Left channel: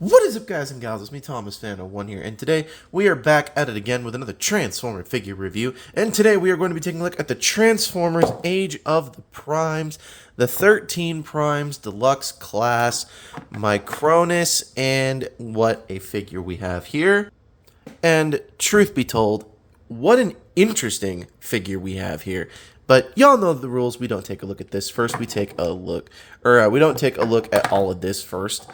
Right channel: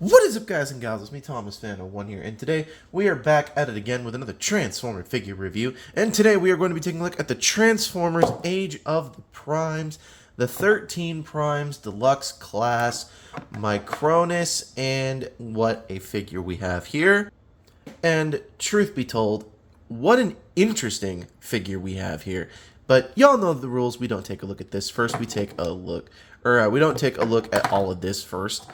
What is up, guys and gals? It's me, Thomas Fan01 here, and today we are back at it again with another Transformer figure review. And today we are going to be taking a look at the Transformers Age of the Primes, the 13 Primes Deluxe class, Micronus, and what a figure we have here. And truth be told, what an interesting figure we have here. But y'all know the rules. We don't take a look at this first. We take a look, we don't take a look at all of this first.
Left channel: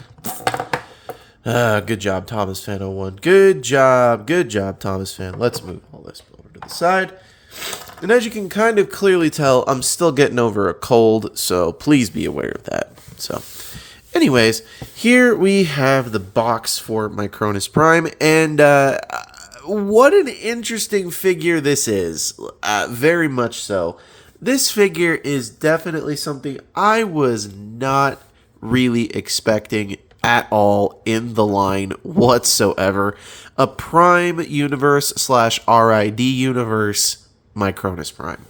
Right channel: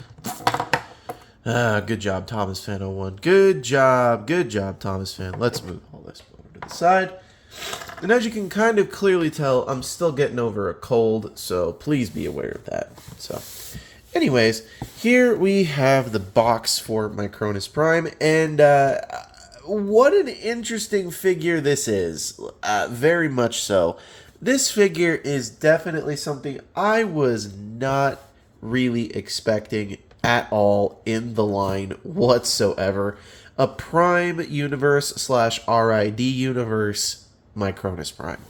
Good job, Thomas Fan01. Good job, Thomas Fan. Let's move all this over to the side. And as you can kind of clearly tell, I'm still getting over a cold, so please be aware of that. So, anyways, here we have the box for Micronus Prime, and what an interesting figure this is. Very much so. This figure is definitely something I was not really expecting at all in the line whatsoever. A Prime Universe / RID Universe Micronus Prime.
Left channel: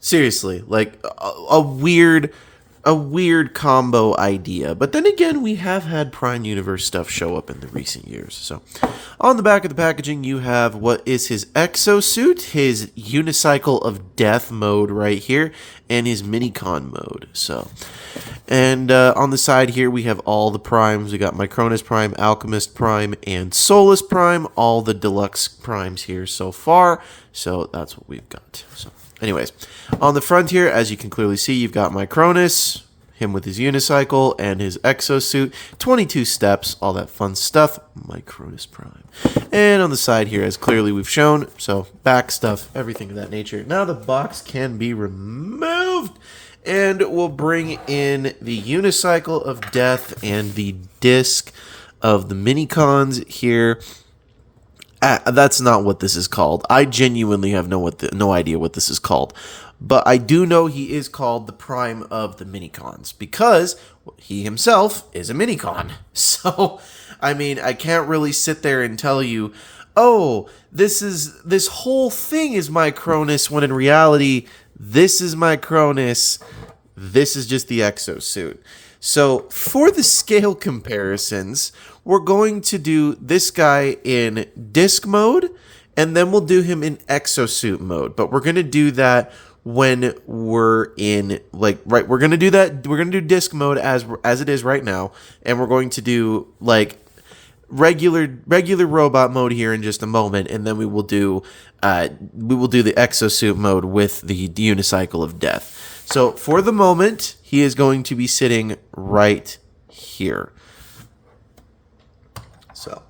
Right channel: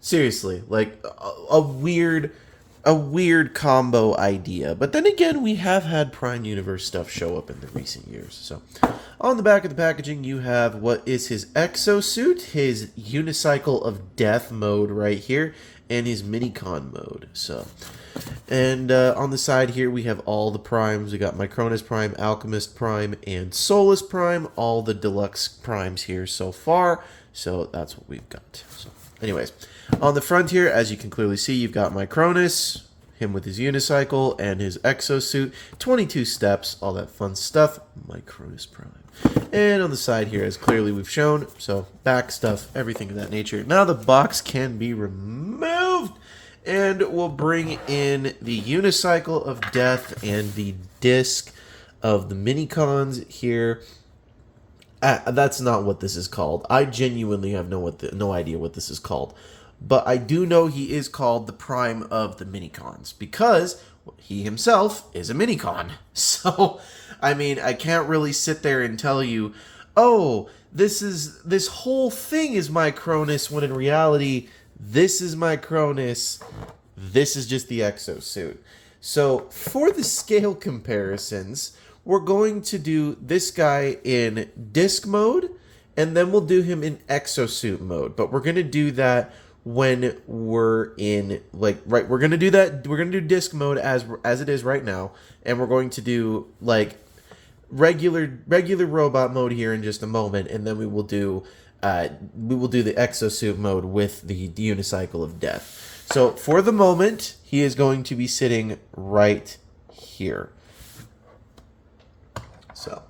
Seriously, like a weird combo idea. But then again, we have had Prime Universe stuff show up in the recent years. So, on the back of the packaging, you have what is his exosuit, his Unicycle of Death mode right here, and his Minicon mode. So, and on the side here, we have all the primes. We got Micronus Prime, Alchemist Prime, and Solus Prime. All the deluxe primes here so far. So that's what we've got. So, anyways, on the front here, as you can clearly see, you've got Micronus, him with his unicycle and his exosuit, 22 steps, all that fun stuff, Micronus Prime. And on the side here, as clearly we've shown, so back stuff, everything of that nature. Now the box can be removed, and we'll bring in the Unicycle of Death and the disc of the Minicons here. That's not what this is called. I genuinely have no idea what this is called. But I do know he is called the Prime of the Minicons because he himself is a Minicon. So, I mean, I can't really sit there and tell you, oh, this whole thing is Micronus, when in reality, this is Micronus. This is just the exosuit. So, for the scale comparisons, we're going to do this guy in disc mode, and then we'll do him in exosuit mode. But we're going to do that when we're in, we're going to do that, we're going to do disc mode as it is right now, and we're going to do, regular robot mode here in just a moment, and then we will do the exosuit mode with the Unicycle of Death. So, for the moment, he is going to be sitting right here. So,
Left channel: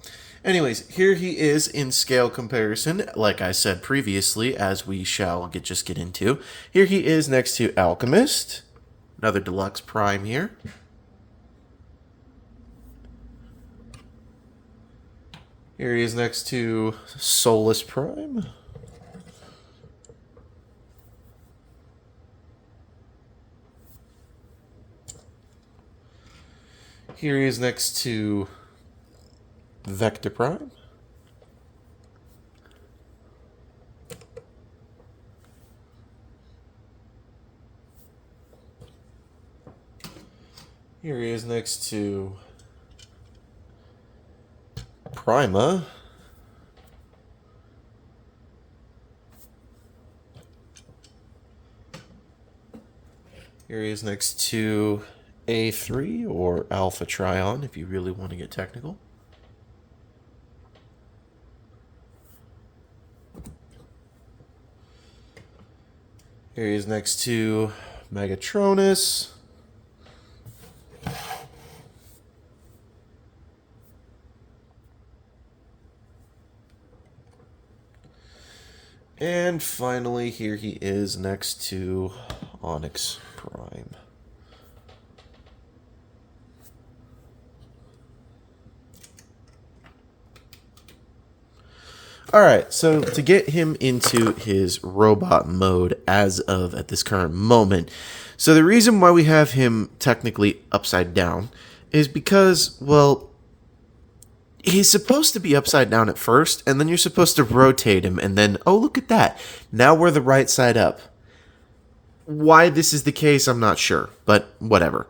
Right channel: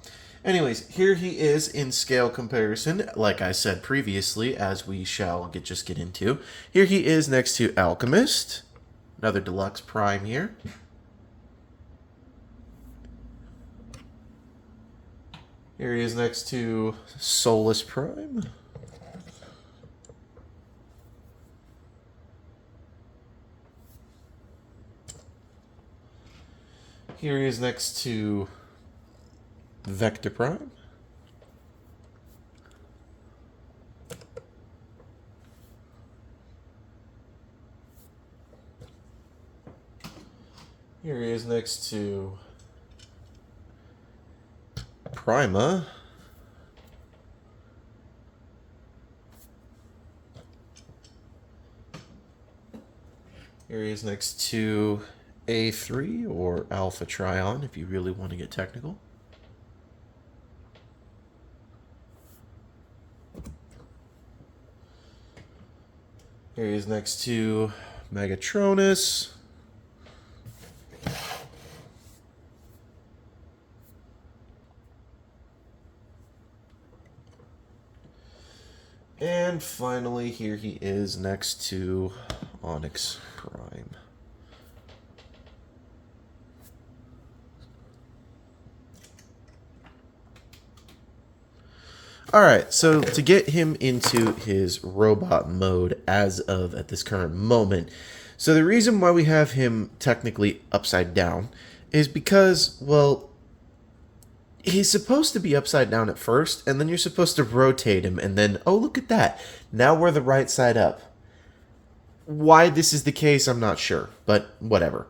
anyways, here he is in scale comparison, like I said previously, as we shall just get into. Here he is next to Alchemist, another Deluxe Prime here. Here he is next to Solus Prime. Here he is next to Vector Prime. Here he is next to Prima. Here he is next to A3 or Alpha Trion, if you really want to get technical. Here he is next to Megatronus. And finally, here he is next to Onyx Prime. Alright, so to get him into his robot mode as of at this current moment, so the reason why we have him technically upside down is because, well, he's supposed to be upside down at first, and then you're supposed to rotate him, and then, oh, look at that, now we're the right side up. Why this is the case, I'm not sure, but whatever.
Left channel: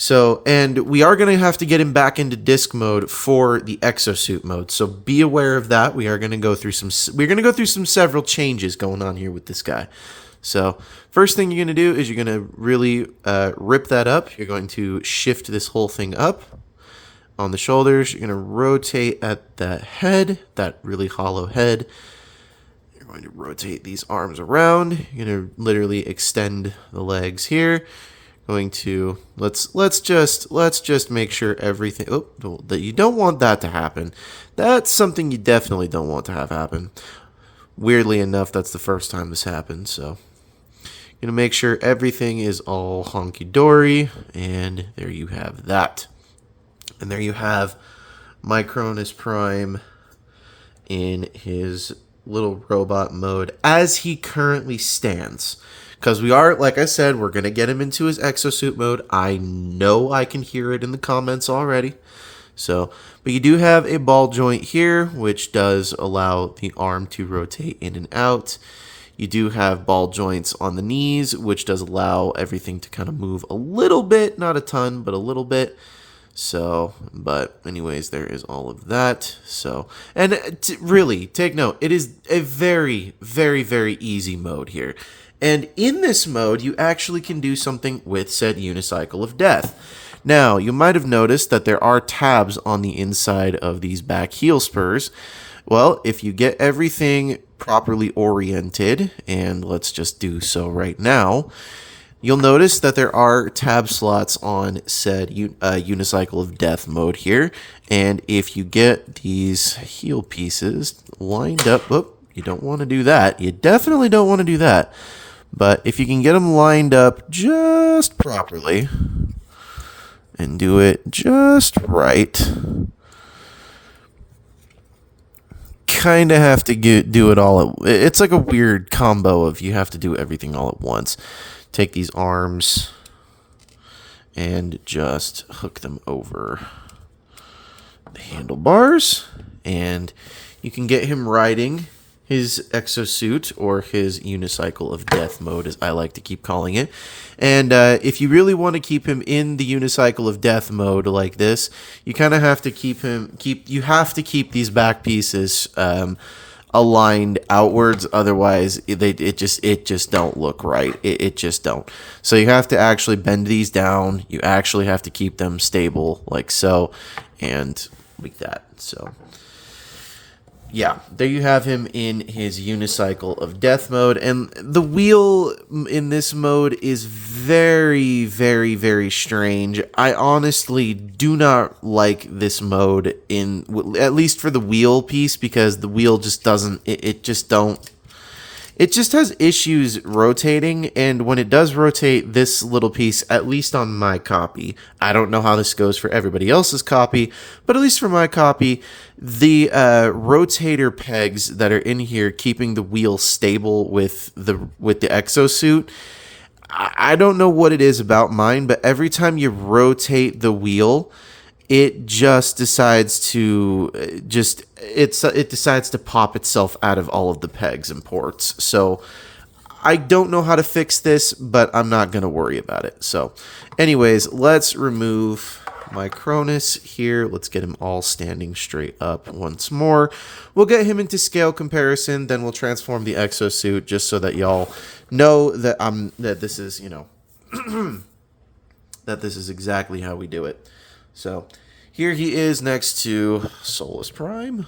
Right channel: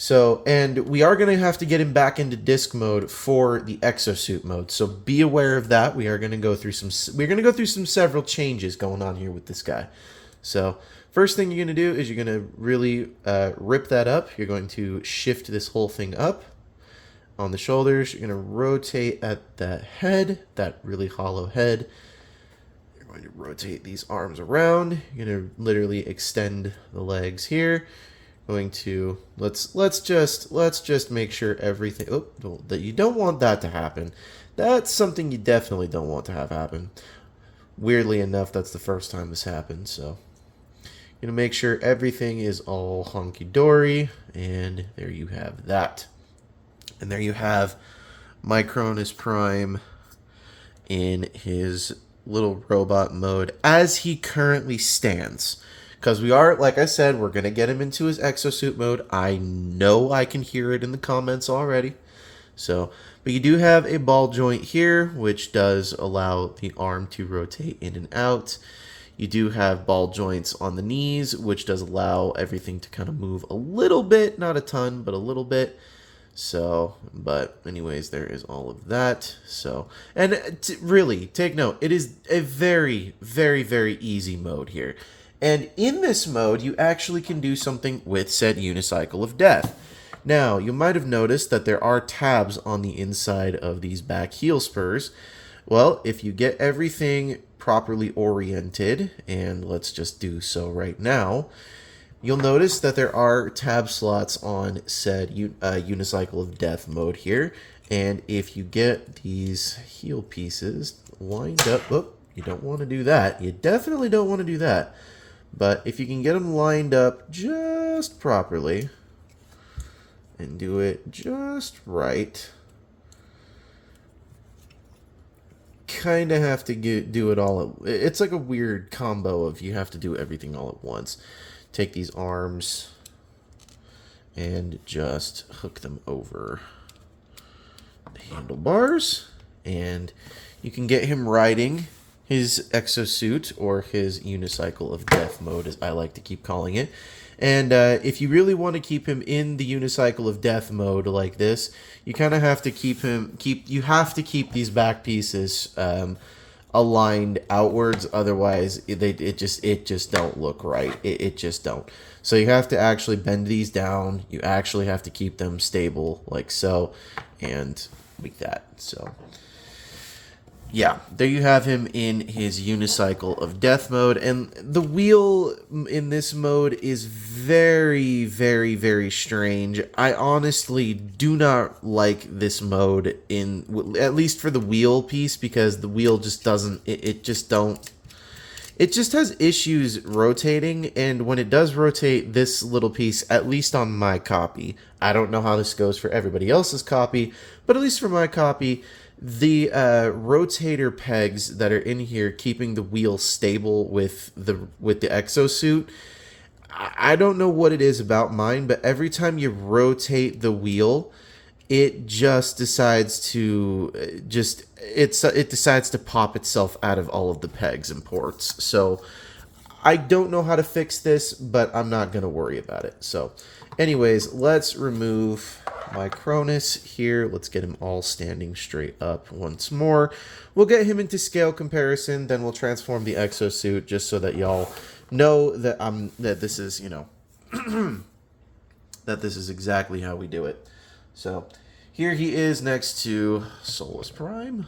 So, and we are going to have to get him back into disc mode for the exosuit mode. So be aware of that. We are going to go through some several changes going on here with this guy. So first thing you're going to do is you're going to really rip that up. You're going to shift this whole thing up on the shoulders. You're going to rotate at that head, that really hollow head. You're going to rotate these arms around. You're going to literally extend the legs here. Going to let's just make sure everything that you don't want that to happen. That's something you definitely don't want to have happen. Weirdly enough, that's the first time this happened, so gonna make sure everything is all honky-dory, and there you have that. And there you have Micronus Prime in his little robot mode as he currently stands. Because we are, like I said, we're going to get him into his exosuit mode. I know I can hear it in the comments already. So, but you do have a ball joint here, which does allow the arm to rotate in and out. You do have ball joints on the knees, which does allow everything to kind of move a little bit, not a ton, but a little bit. So, but anyways, there is all of that. So, and really, take note, it is a very, very, very easy mode here. And in this mode, you actually can do something with said unicycle of death. Now, you might have noticed that there are tabs on the inside of these back heel spurs. Well, if you get everything properly oriented, and let's just do so right now, you'll notice that there are tab slots on said unicycle of death mode here. And if you get these heel pieces lined up, you don't want to do that. You definitely don't want to do that. But if you can get them lined up just properly and do it just right, kind of have to do it all it's like a weird combo of you have to do everything all at once. Take these arms and just hook them over the handlebars, and you can get him riding his exosuit, or his unicycle of death mode, as I like to keep calling it. And if you really want to keep him in the unicycle of death mode like this, you kind of have to keep these back pieces aligned outwards. Otherwise, it just don't look right. It just don't. So you have to actually bend these down. You actually have to keep them stable like so, and like that. So yeah, there you have him in his unicycle of death mode. And the wheel in this mode is very, very, very strange. I honestly do not like this mode, at least for the wheel piece, because the wheel just doesn't, it just has issues rotating. And when it does rotate this little piece, at least on my copy, I don't know how this goes for everybody else's copy, but at least for my copy, the rotator pegs that are in here keeping the wheel stable with the exosuit, I don't know what it is about mine, but every time you rotate the wheel, it just decides to it decides to pop itself out of all of the pegs and ports. So I don't know how to fix this, but I'm not going to worry about it. So anyways, let's remove Micronus here. Let's get him all standing straight up once more. We'll get him into scale comparison, then we'll transform the exosuit just so that y'all know that this is, that this is exactly how we do it. So here he is next to Solus Prime.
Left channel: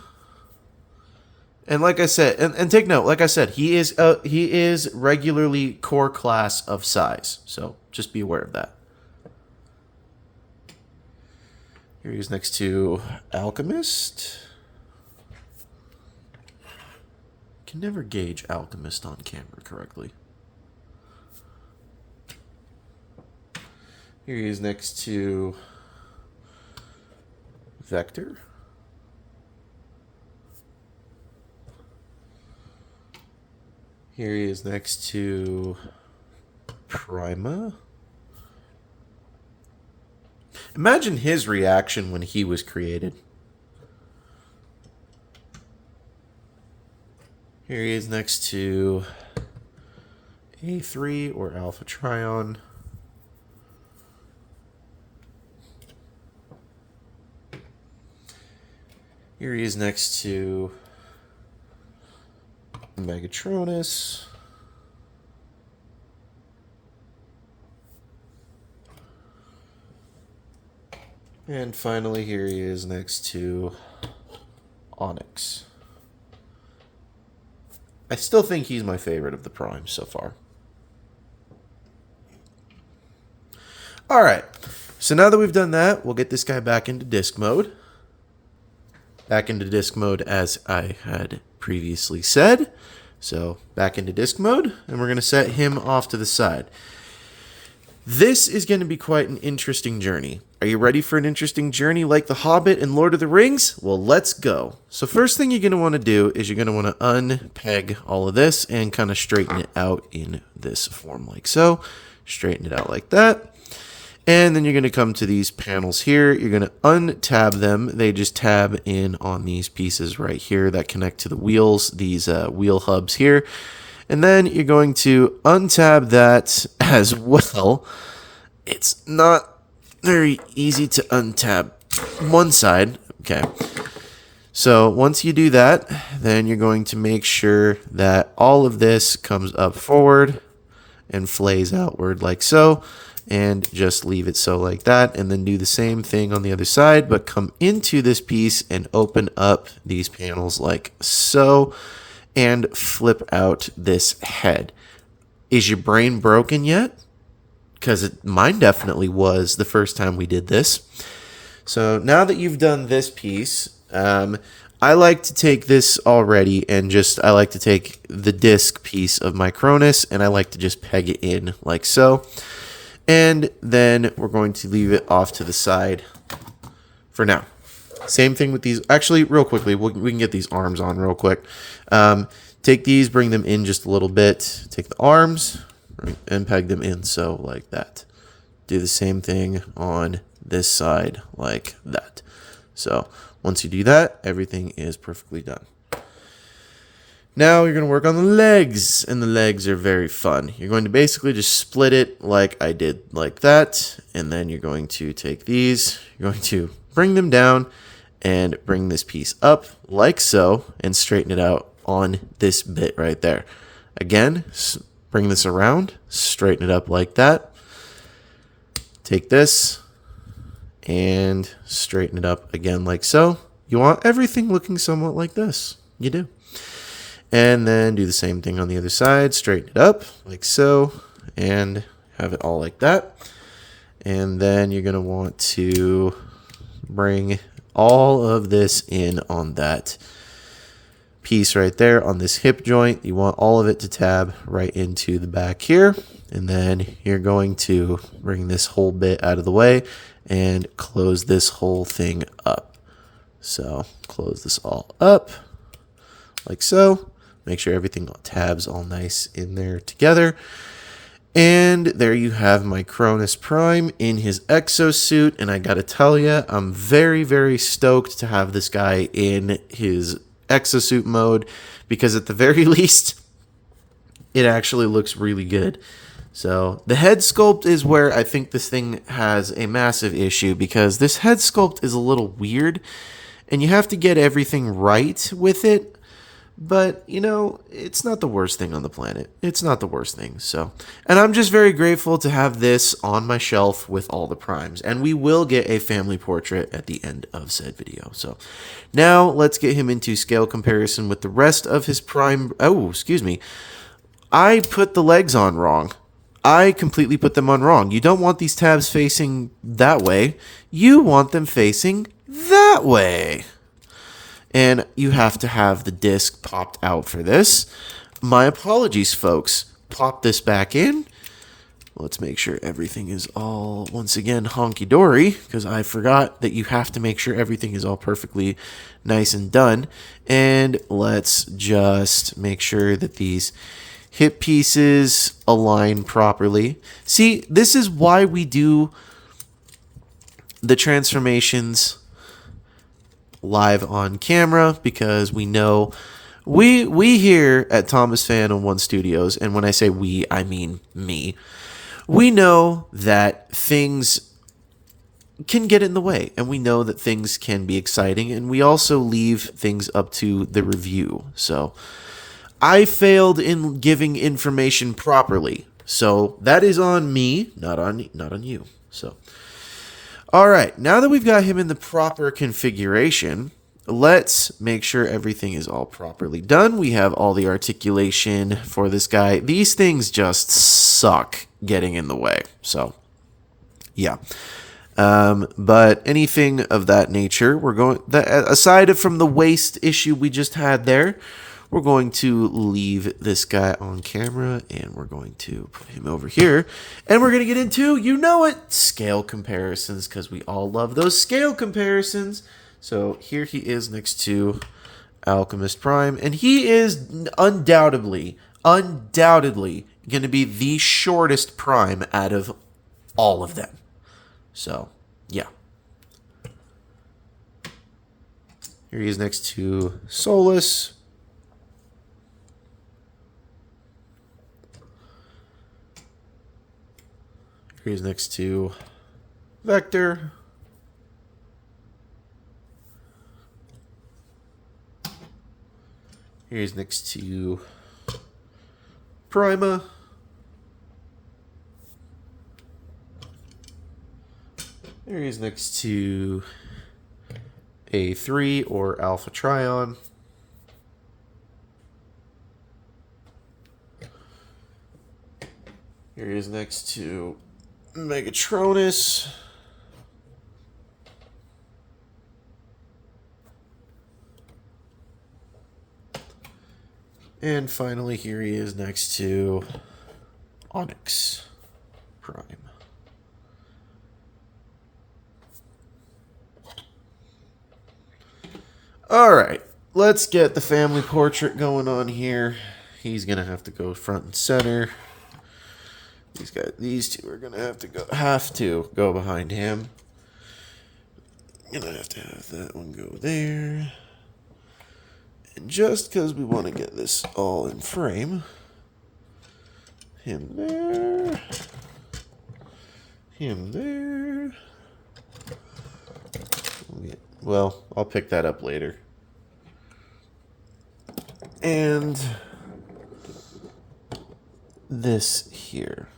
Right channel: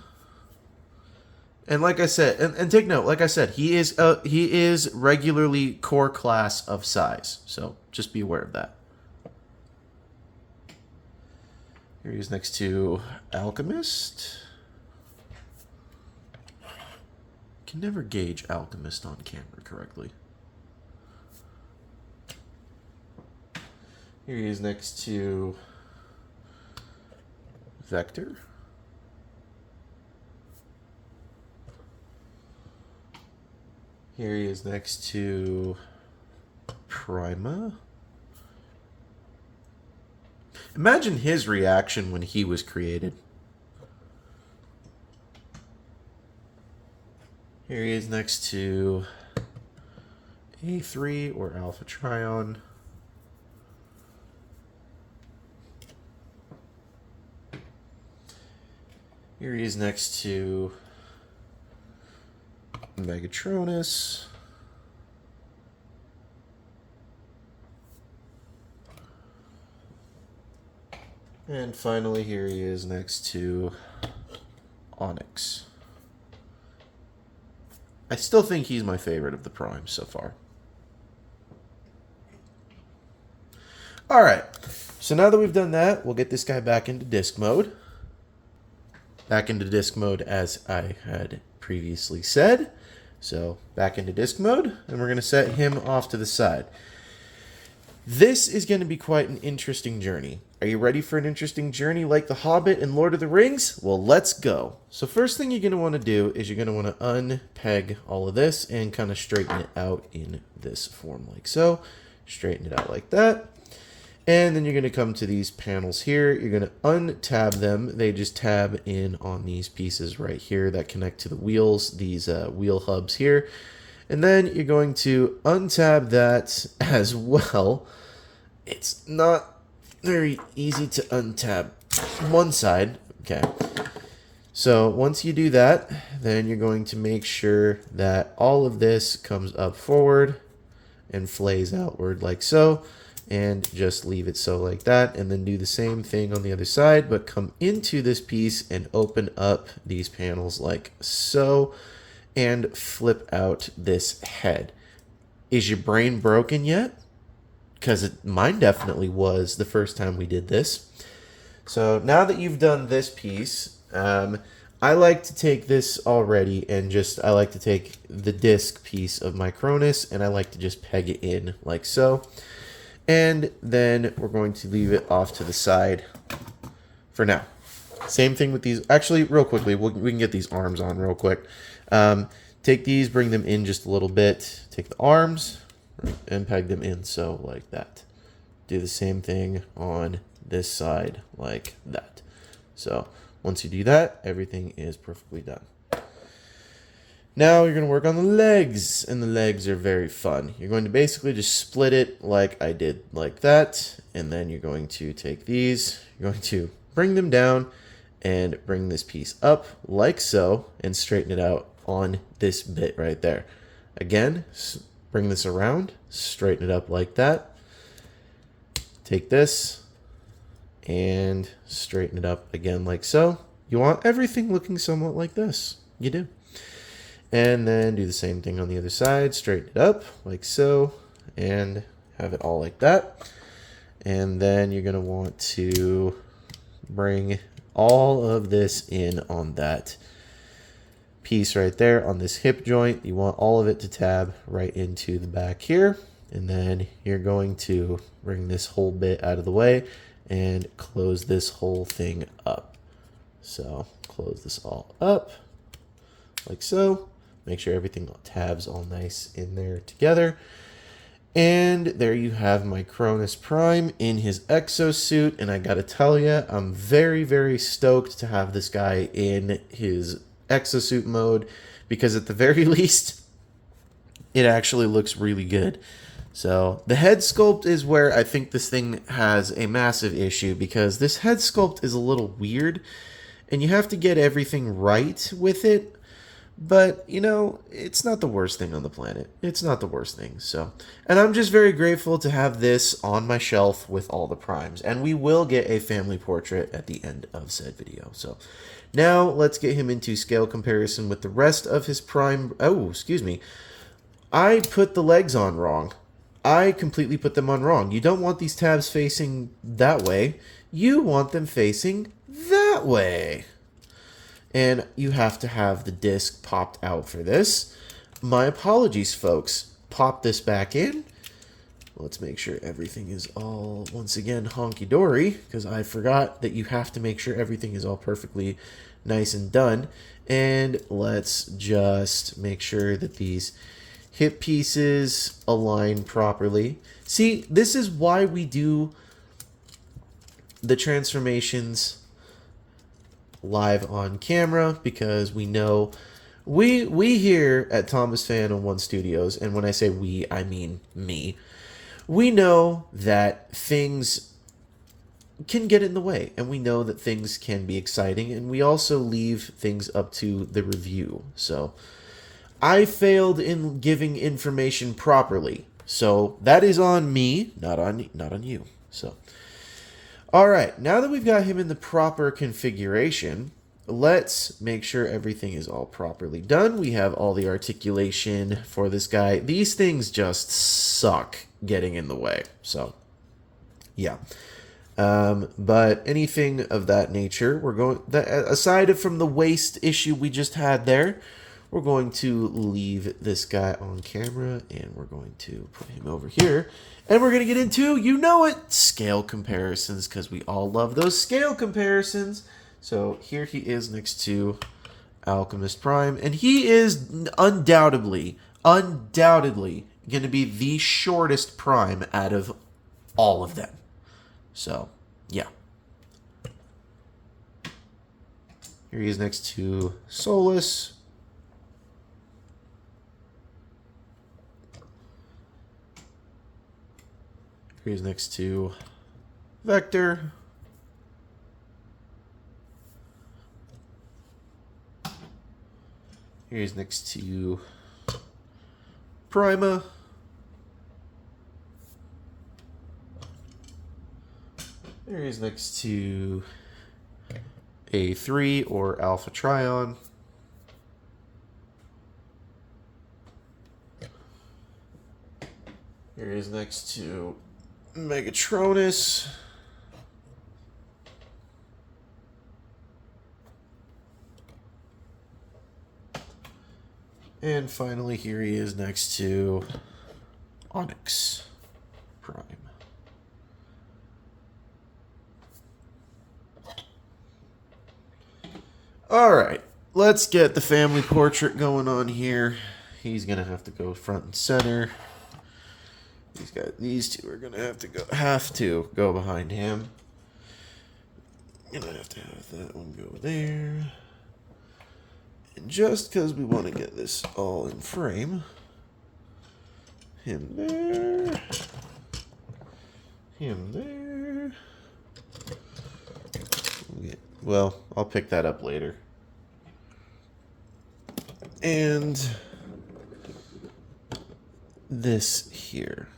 And like I said, and take note, like I said, he is regularly core class of size. So just be aware of that. Here he is next to Alchemist. Can never gauge Alchemist on camera correctly. Here he is next to Vector. Here he is next to Prima. Imagine his reaction when he was created. Here he is next to A3 or Alpha Trion. Here he is next to Micronus. And finally, here he is next to Onyx. I still think he's my favorite of the primes so far. Alright, so now that we've done that, we'll get this guy back into disc mode. Back into disc mode as I had previously said. So back into disc mode, and we're going to set him off to the side. This is going to be quite an interesting journey. Are you ready for an interesting journey like The Hobbit and Lord of the Rings? Well, let's go. So first thing you're going to want to do is you're going to want to unpeg all of this and kind of straighten it out in this form like so. Straighten it out like that. And then you're going to come to these panels here. You're going to untab them. They just tab in on these pieces right here that connect to the wheels, these wheel hubs here. And then you're going to untab that as well. It's not very easy to untab one side. Okay. So once you do that, then you're going to make sure that all of this comes up forward and flays outward like so. And just leave it so like that, and then do the same thing on the other side, but come into this piece and open up these panels like so, and flip out this head. Is your brain broken yet? Because mine definitely was the first time we did this. So now that you've done this piece, I like to take this already and I like to take the disc piece of Micronus, and I like to just peg it in like so. And then we're going to leave it off to the side for now. Same thing with these. Actually, real quickly, we can get these arms on real quick. Take these, bring them in just a little bit. Take the arms and peg them in so like that. Do the same thing on this side like that. So once you do that, everything is perfectly done. Now you're going to work on the legs, and the legs are very fun. You're going to basically just split it like I did like that, and then you're going to take these, you're going to bring them down and bring this piece up like so and straighten it out on this bit right there. Again, bring this around, straighten it up like that. Take this and straighten it up again like so. You want everything looking somewhat like this. You do. And then do the same thing on the other side. Straighten it up like so. And have it all like that. And then you're going to want to bring all of this in on that piece right there on this hip joint. You want all of it to tab right into the back here. And then you're going to bring this whole bit out of the way and close this whole thing up. So close this all up like so. Make sure everything tabs all nice in there together. And there you have Micronus Prime in his exosuit. And I gotta tell you, I'm very, very stoked to have this guy in his exosuit mode, because at the very least, it actually looks really good. So the head sculpt is where I think this thing has a massive issue, because this head sculpt is a little weird and you have to get everything right with it. But, you know, it's not the worst thing on the planet. It's not the worst thing. So, and I'm just very grateful to have this on my shelf with all the primes. And we will get a family portrait at the end of said video. So now let's get him into scale comparison with the rest of his prime. Oh, excuse me. I put the legs on wrong. I completely put them on wrong. You don't want these tabs facing that way. You want them facing that way. And you have to have the disc popped out for this. My apologies, folks. Pop this back in. Let's make sure everything is all, once again, honky-dory, because I forgot that you have to make sure everything is all perfectly nice and done. And let's just make sure that these hip pieces align properly. See, this is why we do the transformations live on camera, because we know we here at Thomas Fan on One Studios, and when I say we, I mean me, we know that things can get in the way, and we know that things can be exciting, and we also leave things up to the review. So I failed in giving information properly, so that is on me, not on you. So all right, now that we've got him in the proper configuration, let's make sure everything is all properly done. We have all the articulation for this guy. These things just suck getting in the way. So yeah. But anything of that nature, we're going, aside from the waist issue we just had there, we're going to leave this guy on camera, and we're going to put him over here, and we're going to get into, you know it, scale comparisons, because we all love those scale comparisons. So here he is next to Alchemist Prime, and he is undoubtedly going to be the shortest Prime out of all of them. So, yeah. Here he is next to Solus. Here he's next to Vector. Here he's next to Prima. Here he's next to A3 or Alpha Trion. Here he is next to Micronus. And finally, here he is next to Onyx Prime. All right, let's get the family portrait going on here. He's gonna have to go front and center. These two are gonna have to go behind him. Gonna have to have that one go there. And just because we want to get this all in frame, him there, him there. Well, I'll pick that up later. And this here.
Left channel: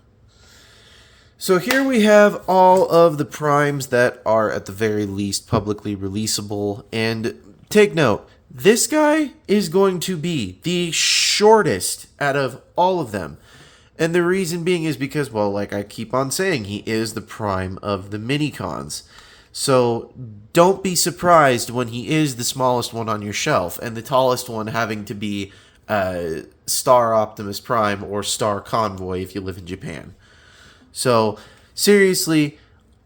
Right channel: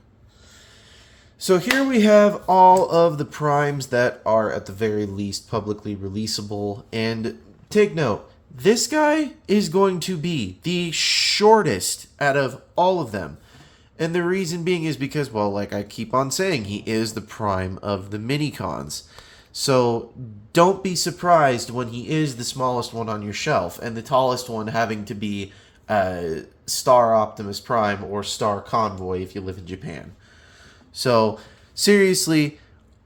So here we have all of the primes that are at the very least publicly releasable. And take note, this guy is going to be the shortest out of all of them. And the reason being is because, well, like I keep on saying, he is the prime of the mini-cons. So don't be surprised when he is the smallest one on your shelf and the tallest one having to be Star Optimus Prime or Star Convoy if you live in Japan. So seriously,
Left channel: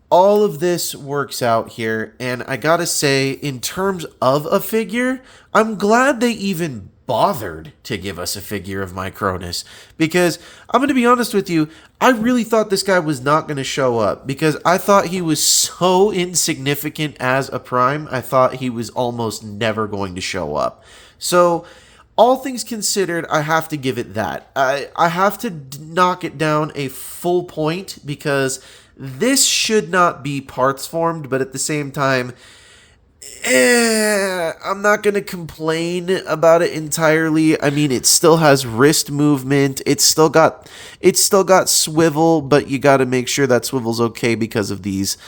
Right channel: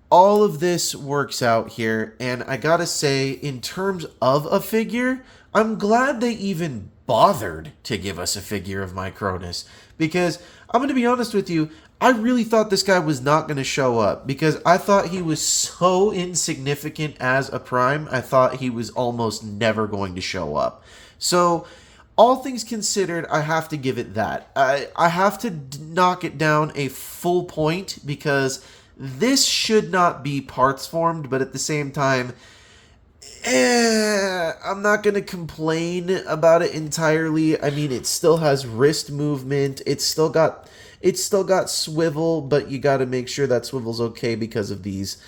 all of this works out here, and I gotta say, in terms of a figure, I'm glad they even bothered to give us a figure of Micronus, because I'm going to be honest with you, I really thought this guy was not going to show up, because I thought he was so insignificant as a Prime, I thought he was almost never going to show up. So, all things considered, I have to give it that. I have to knock it down a full point, because this should not be parts formed, but at the same time, I'm not going to complain about it entirely. I mean, it still has wrist movement. It's still got swivel, but you got to make sure that swivel's okay because of these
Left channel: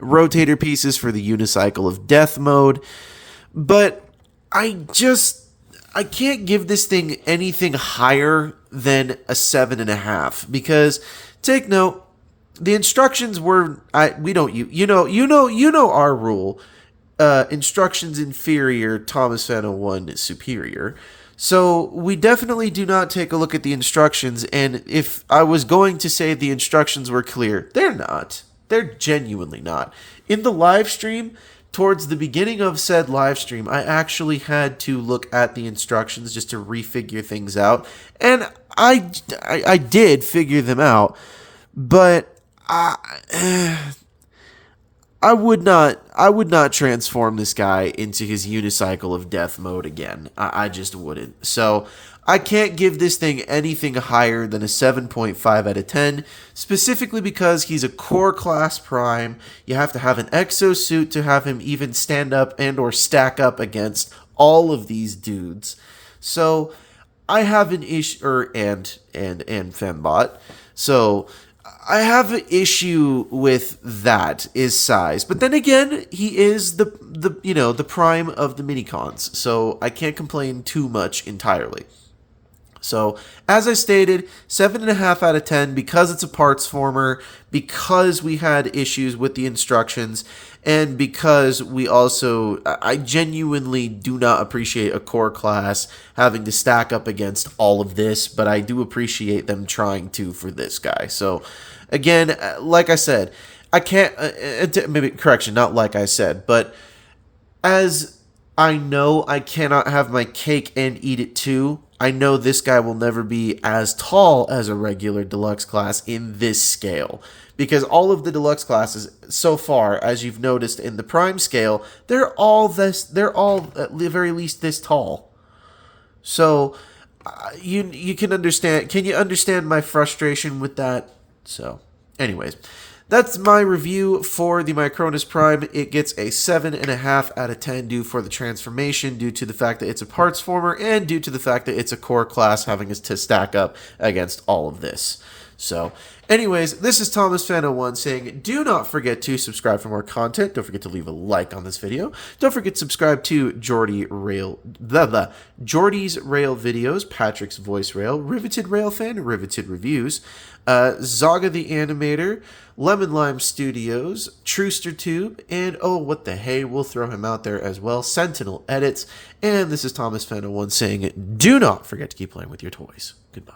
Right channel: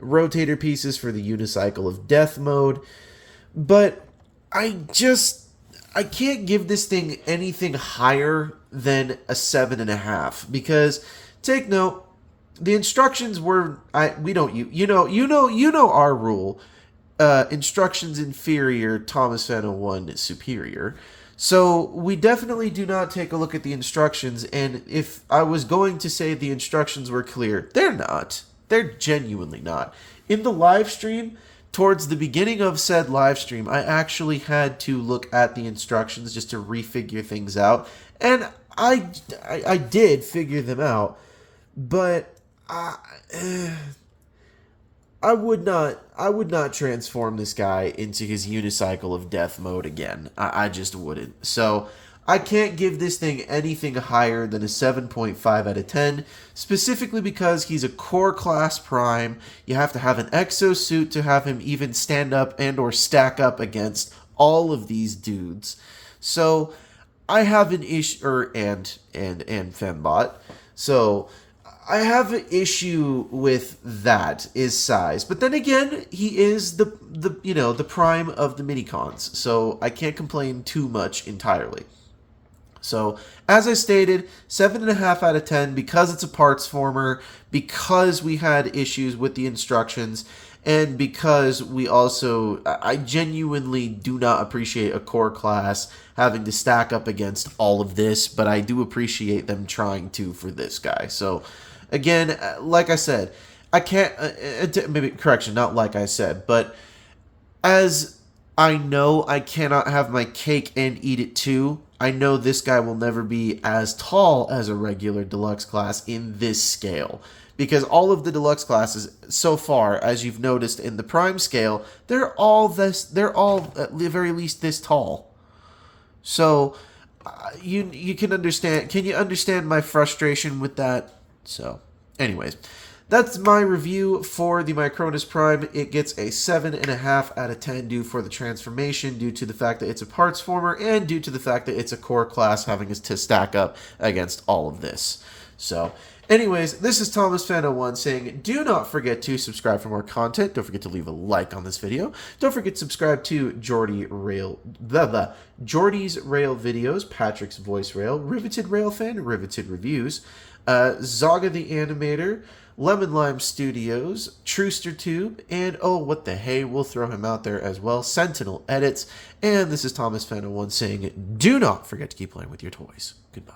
rotator pieces for the unicycle of death mode. But I can't give this thing anything higher than a 7.5, because take note, the instructions were we don't you know our rule. Instructions inferior, Thomas Fano 1 superior. So we definitely do not take a look at the instructions, and if I was going to say the instructions were clear, they're not. They're genuinely not. In the live stream, towards the beginning of said live stream, I actually had to look at the instructions just to refigure things out, and I did figure them out, but I would not transform this guy into his unicycle of death mode again. I just wouldn't. So I can't give this thing anything higher than a 7.5 out of 10, specifically because he's a core class prime. You have to have an exosuit to have him even stand up and or stack up against all of these dudes. So I have an issue, and Fembot. So I have an issue with that is size. But then again, he is the prime of the minicons. So I can't complain too much entirely. So, as I stated, 7.5 out of 10 because it's a parts former, because we had issues with the instructions, and because I genuinely do not appreciate a core class having to stack up against all of this, but I do appreciate them trying to for this guy. So, again, like I said, I can't, maybe, correction, not like I said, but as I know I cannot have my cake and eat it too, I know this guy will never be as tall as a regular deluxe class in this scale. Because all of the deluxe classes so far, as you've noticed in the prime scale, they're all at the very least this tall. So you can understand. Can you understand my frustration with that? So, anyways, that's my review for the Micronus Prime. It gets a 7.5 out of 10 due for the transformation, due to the fact that it's a parts former, and due to the fact that it's a core class having to stack up against all of this. So, anyways, this is Thomas Fan 01 saying, do not forget to subscribe for more content. Don't forget to leave a like on this video. Don't forget to subscribe to Jordy's Rail videos, Patrick's Voice Rail, Riveted Rail Fan, Riveted Reviews, Zaga the Animator, Lemon Lime Studios, Truster Tube, and oh, what the hey, we'll throw him out there as well, Sentinel Edits. And this is Thomas Fan 01 saying, do not forget to keep playing with your toys. Goodbye.